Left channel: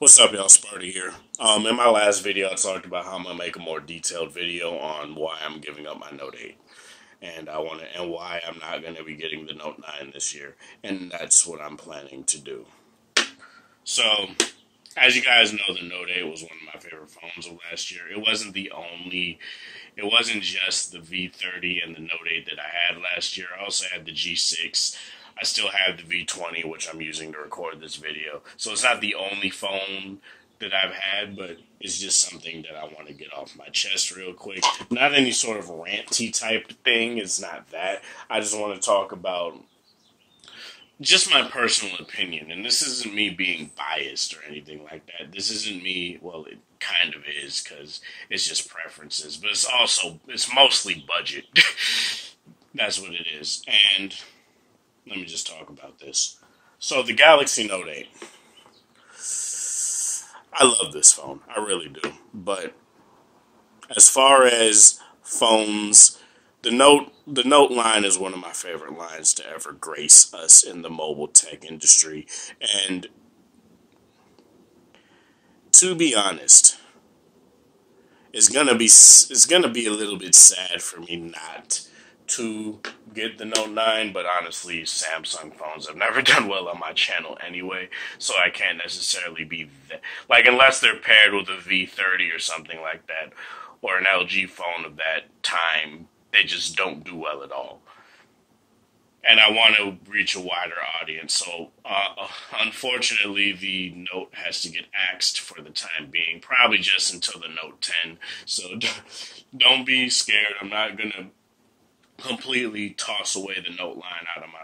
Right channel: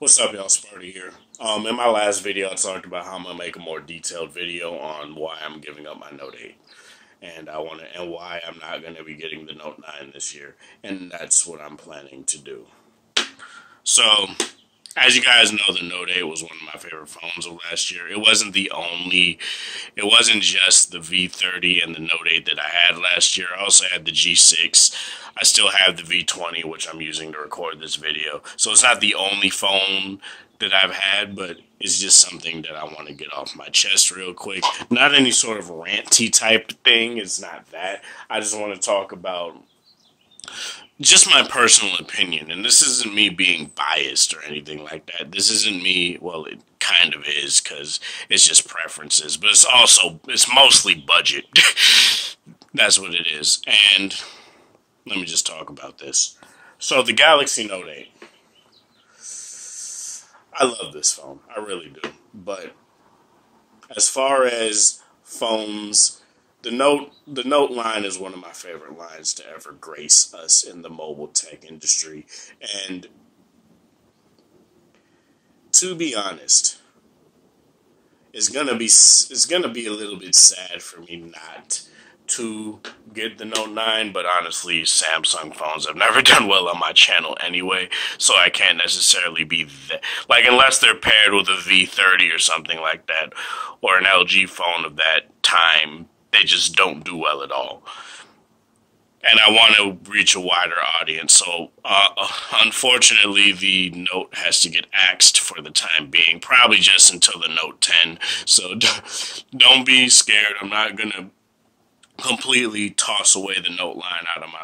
What's up, y'all? Sparty here. In my last video, I talked about how I'm gonna make a more detailed video on why I'm giving up my Note 8, and why I'm not gonna be getting the Note 9 this year, and that's what I'm planning to do. So, as you guys know, the Note 8 was one of my favorite phones of last year. It wasn't just the V30 and the Note 8 that I had last year. I also had the G6. I still have the V20, which I'm using to record this video. So it's not the only phone that I've had, but it's just something that I want to get off my chest real quick. Not any sort of ranty type thing. It's not that. I just want to talk about just my personal opinion, and this isn't me being biased or anything like that. This isn't me, well, it kind of is, because it's just preferences, but it's mostly budget. That's what it is. And let me just talk about this. So the Galaxy Note 8. I love this phone. I really do. But as far as phones, the Note line is one of my favorite lines to ever grace us in the mobile tech industry. And to be honest, it's gonna be a little bit sad for me not to get the Note 9, but honestly, Samsung phones have never done well on my channel anyway, so I can't necessarily be like, unless they're paired with a V30 or something like that, or an LG phone of that time, they just don't do well at all. And I want to reach a wider audience, so unfortunately, the Note has to get axed for the time being, probably just until the Note 10. So don't be scared. I'm not gonna completely toss away the Note line out of my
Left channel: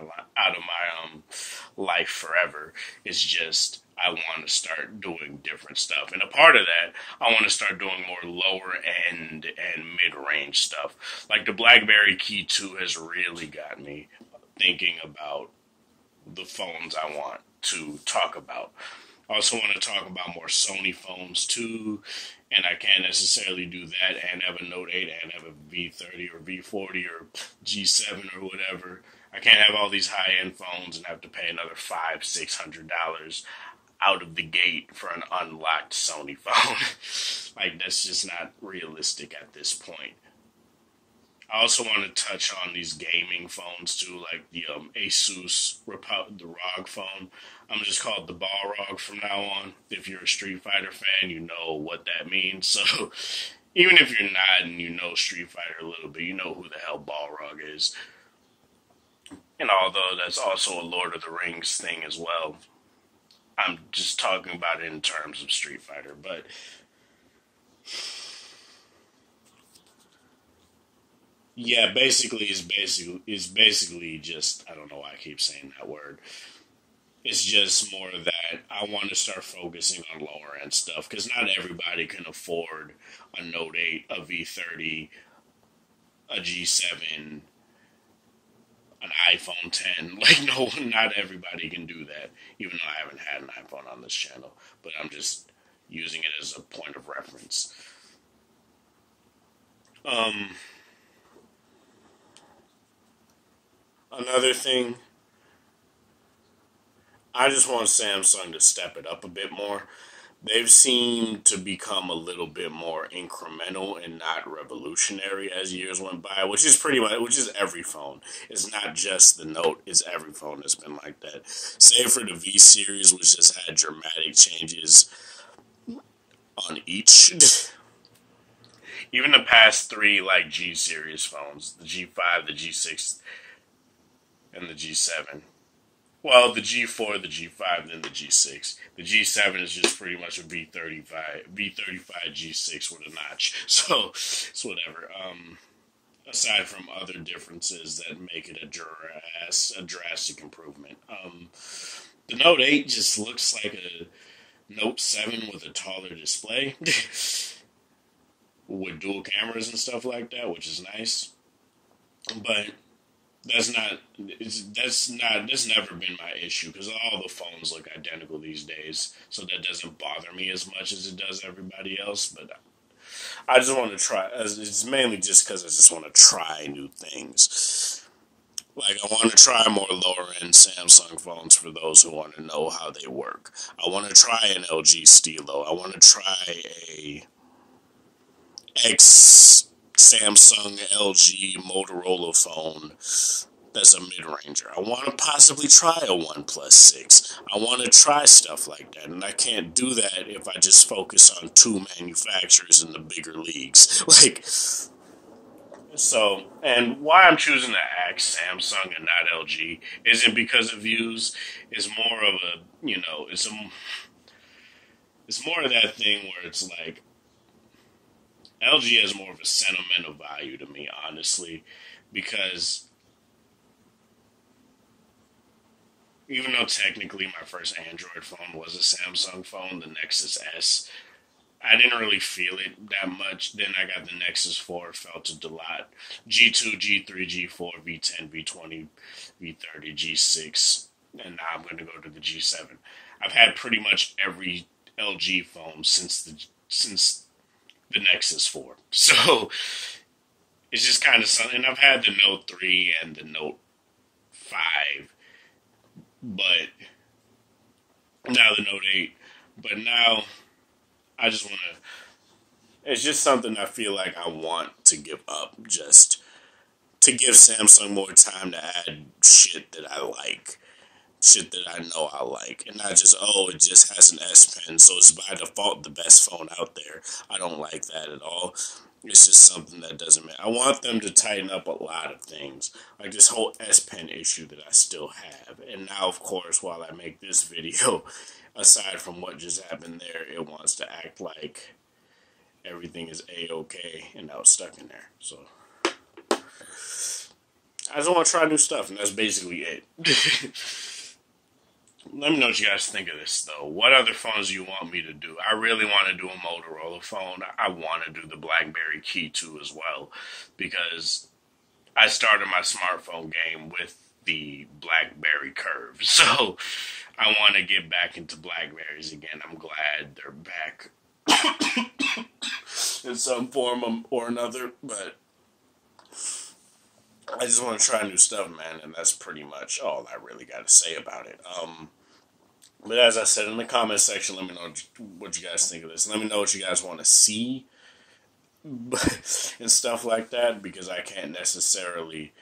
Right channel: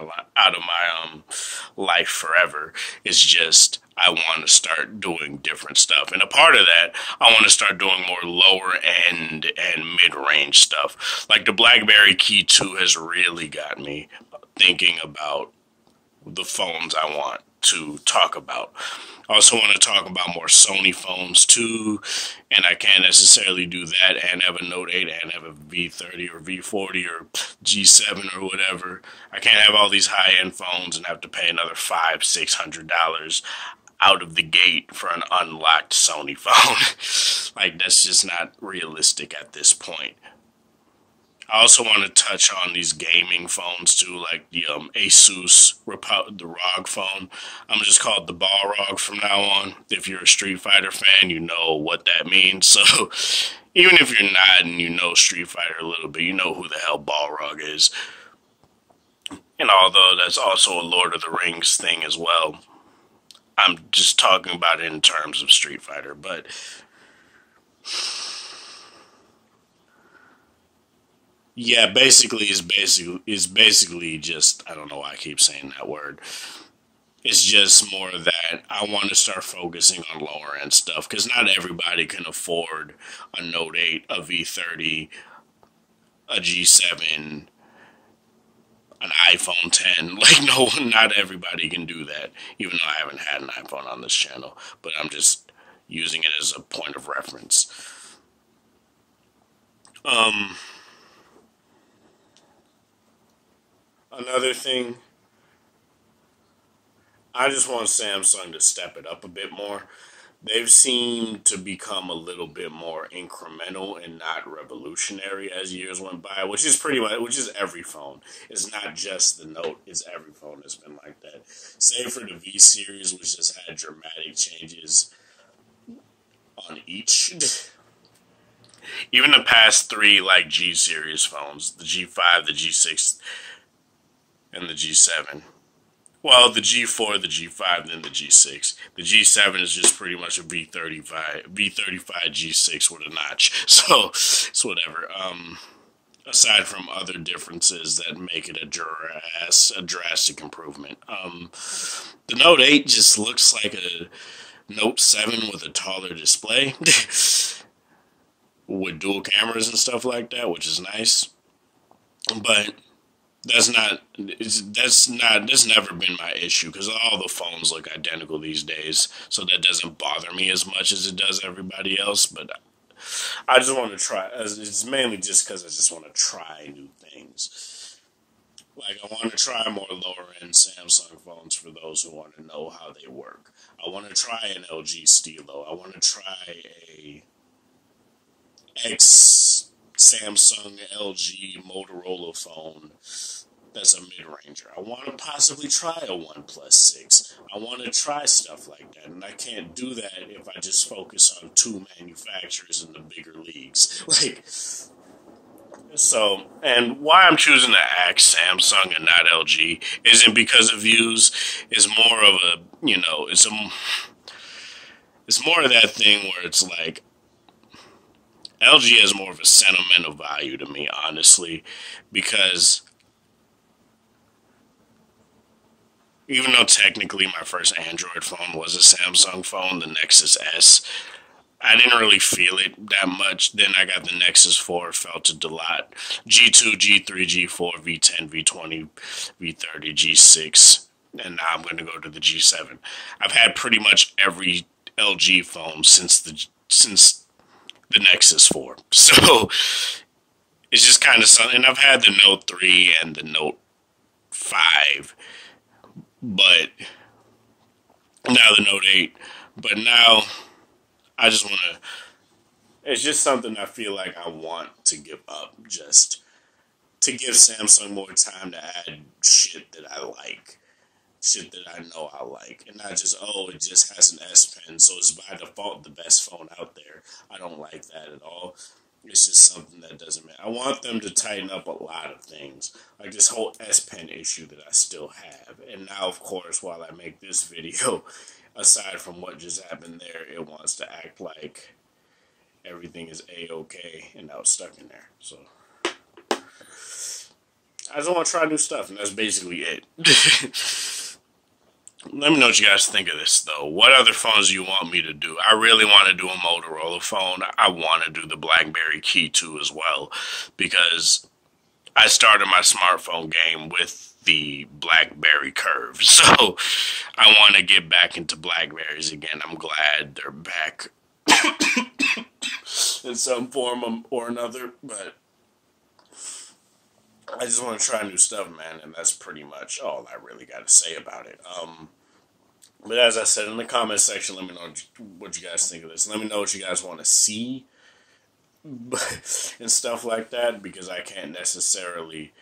life forever. It's just I want to start doing different stuff, and a part of that, I want to start doing more lower end and mid range stuff. Like the BlackBerry Key 2 has really got me thinking about the phones I want to talk about. I also want to talk about more Sony phones too, and I can't necessarily do that and have a Note 8 and have a V30 or V40 or G7 or whatever. I can't have all these high-end phones and have to pay another $500-600 out of the gate for an unlocked Sony phone. Like, that's just not realistic at this point. I also want to touch on these gaming phones too, like the Asus the ROG phone. I'm just called the Balrog from now on. If you're a Street Fighter fan, you know what that means. So even if you're not and you know Street Fighter a little bit, you know who the hell Balrog is. And although that's also a Lord of the Rings thing as well, I'm just talking about it in terms of Street Fighter. But yeah, it's basically just, I don't know why I keep saying that word. It's just more that I want to start focusing on lower end stuff, because not everybody can afford a Note 8, a V30, a G7, an iPhone 10. Like, no, not everybody can do that, even though I haven't had an iPhone on this channel, but I'm just using it as a point of reference. Another thing, I just want Samsung to step it up a bit more. They've seemed to become a little bit more incremental and not revolutionary as years went by, which is every phone. It's not just the Note, it's every phone that's been like that. Save for the V series, which just had dramatic changes on each. Even the past three, like, G series phones, the G5, the G6, and the G7. Well, the G4, the G5, then the G6. The G7 is just pretty much a V35 G6 with a notch. So it's whatever. Aside from other differences that make it a drastic improvement. The Note 8 just looks like a Note 7 with a taller display, with dual cameras and stuff like that, which is nice. But that's never been my issue, because all the phones look identical these days, so that doesn't bother me as much as it does everybody else. But I just want to try, it's mainly just because I just want to try new things. Like, I want to try more lower end Samsung phones for those who want to know how they work. I want to try an LG Stilo. I want to try a X Samsung, LG, Motorola phone that's a mid-ranger. I want to possibly try a OnePlus 6. I want to try stuff like that, and I can't do that if I just focus on two manufacturers in the bigger leagues. Like, so, and why I'm choosing to ask Samsung and not LG isn't because of views. It's more of a, it's more of that thing where it's like, LG has more of a sentimental value to me, honestly, because even though technically my first Android phone was a Samsung phone, the Nexus S, I didn't really feel it that much. Then I got the Nexus 4, felt it a lot. G2, G3, G4, V10, V20, V30, G6, and now I'm going to go to the G7. I've had pretty much every LG phone since the Nexus 4. So it's just kind of something. And I've had the Note 3 and the Note 5, but now the Note 8. But now I just want to, it's just something I feel like I want to give up, just to give Samsung more time to add shit that I like, shit that I know I like, and not just, oh, it just has an S Pen, so it's by default the best phone out there. I don't like that at all. It's just something that doesn't matter. I want them to tighten up a lot of things, like this whole S Pen issue that I still have. And now, of course, while I make this video, aside from what just happened there, it wants to act like everything is A-okay, and I was stuck in there. So I just want to try new stuff, and that's basically it. Let me know what you guys think of this, though. What other phones do you want me to do? I really want to do a Motorola phone. I want to do the BlackBerry Key 2 as well, because I started my smartphone game with the BlackBerry Curve. So I want to get back into Blackberries again. I'm glad they're back in some form or another, but I just want to try new stuff, man, and that's pretty much all I really got to say about it. But as I said in the comment section, let me know what you guys think of this. Let me know what you guys want to see and stuff like that, because I can't necessarily.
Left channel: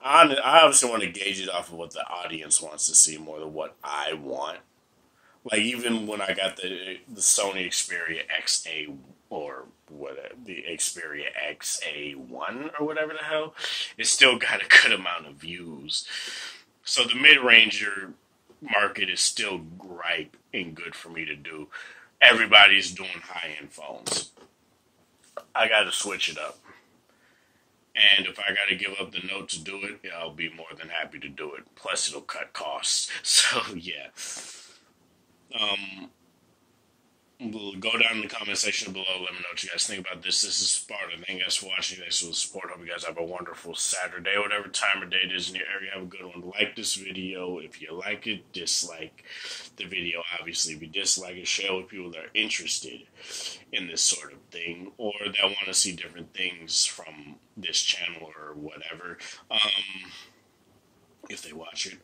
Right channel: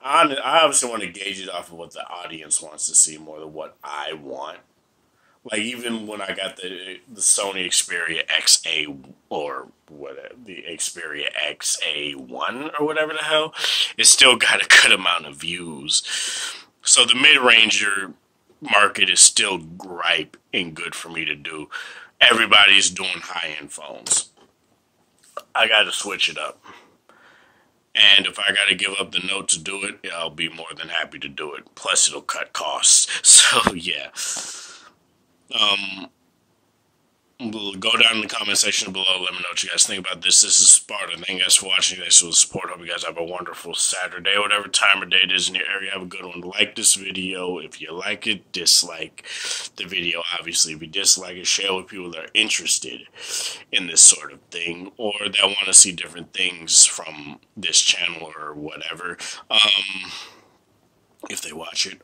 I obviously want to gauge it off of what the audience wants to see more than what I want. Like, even when I got the Sony Xperia XA, or whatever, the Xperia XA1 or whatever the hell, it still got a good amount of views. So the mid-ranger market is still ripe and good for me to do. Everybody's doing high-end phones. I got to switch it up. And if I got to give up the Note to do it, I'll be more than happy to do it. Plus, it'll cut costs. So, yeah. We'll go down in the comment section below. Let me know what you guys think about this. This is Sparta. Thank you guys for watching. Thanks for the support. Hope you guys have a wonderful Saturday, whatever time of day it is in your area. Have a good one. Like this video if you like it. Dislike the video, obviously. If you dislike it, share with people that are interested in this sort of thing, or that want to see different things from this channel or whatever. If they watch it.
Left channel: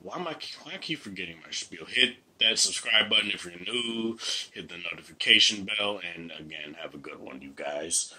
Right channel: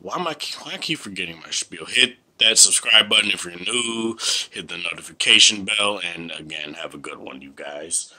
Why I keep forgetting my spiel? Hit that subscribe button if you're new. Hit the notification bell. And again, have a good one, you guys.